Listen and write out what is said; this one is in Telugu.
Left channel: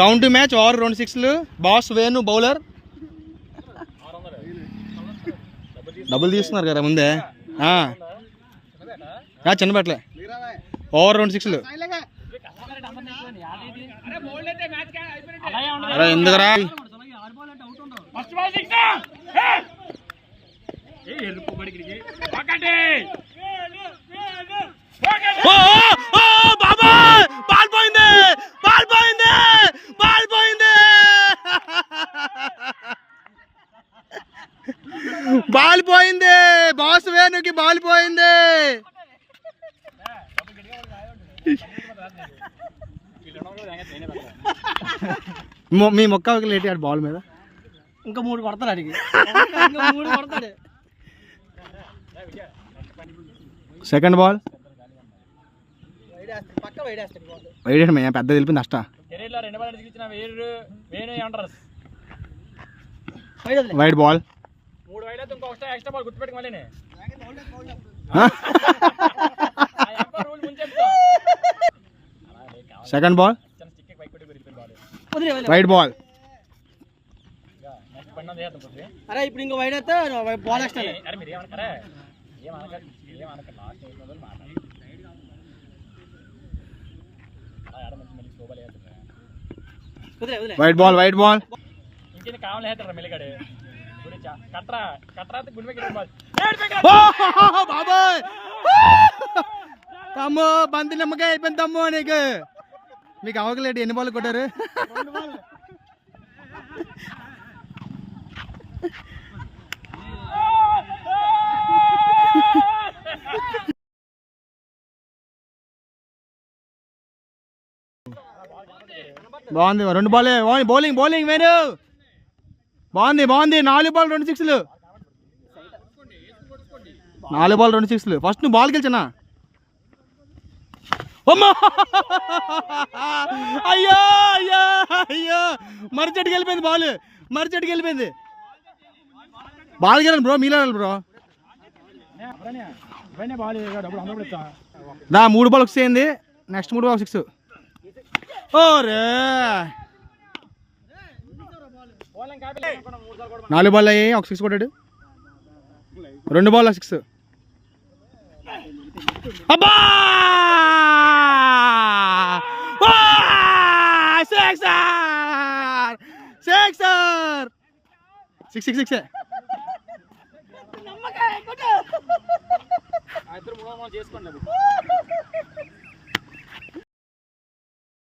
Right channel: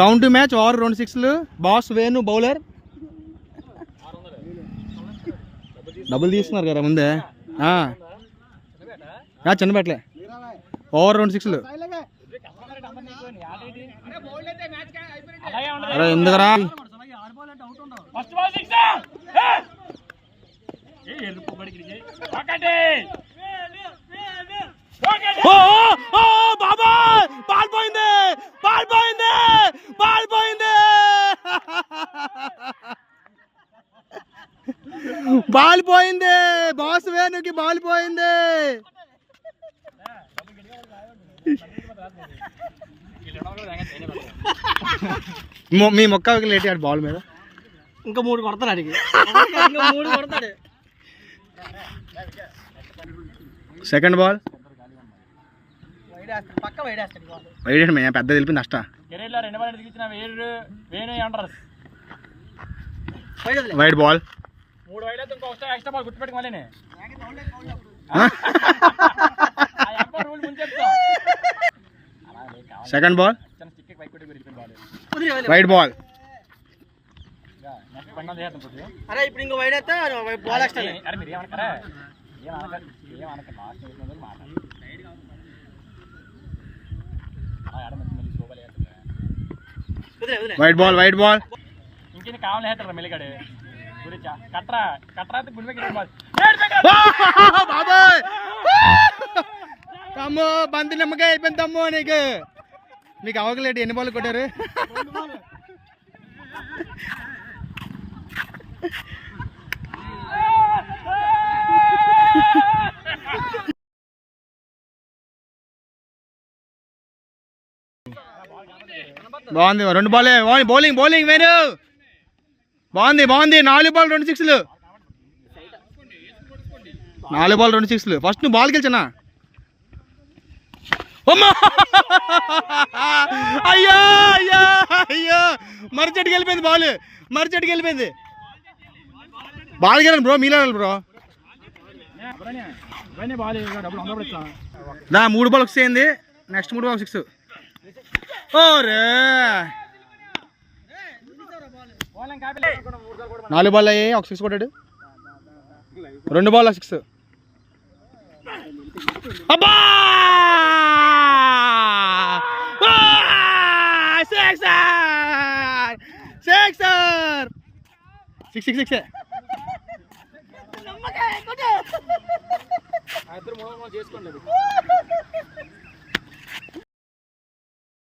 కౌంట్ మ్యాచ్ ఓవర్ 2 6లు. Boss Venu bowler. డబ్బులు తీస్తున్నారు కదా ముందే. చిన్నబెట్టలే. ఓవర్ 2 6లు. అరే ఎందుకురా బాబాయ్ బాల్ పోయింది, బాల్ పోయింది, బాల్ పోయింది, బాల్ పోయింది. బాస్ వేణుకి బాల్ పోయింది. మీ మొక్క లేటి ఆడు బాల్ మీద ఇంకా 3 కొడతాడు అడిగి. 3 కొడతాడు. సెకండ్ బాల్ వైడ్ పెద్ద తెలిపింది నష్ట. Wide ball. Second ball wide ball. అరే ఇప్పుడు ఇంకో వైడ్ అయితే బాల్ వేస్తాను. Wide ball, wide ball. ఇంకేం కావాలి మెల్లిగాడు కట్రా కట్రా బాబాయ్ తమ్ము బంతి నిమ్మకాయ అయిపోయింది తమ్ము. నీకు అవకలేడు. ఎన్ని బాల్ కొట్టారు? బాగుంది. 2 బాల్ బౌలింగ్, బౌలింగ్ వేణు బాగుంది, బాగుంది. 4 బాల్ 2 6లు. 4 బాల్ 2 6లు. ఫస్ట్ నువ్వు బాల్ గెలిచనా? అయ్యో అయ్యో అయ్యో మరిచెట్టుకి వెళ్ళిపోయింది బాల్, మరిచెట్టుకి వెళ్ళిపోయింది. బాల్ గెలండి బ్రో, మీలో బ్రో. 3 బాల్ వచ్చేయండి. Next 3 ball 6. ఓరే 4 బాల్ అయ్యాయి, 1 6 కొట్టాడు. 2 బాల్ 6. అబ్బా సిక్సర్, సిక్సర్, 6 6 6.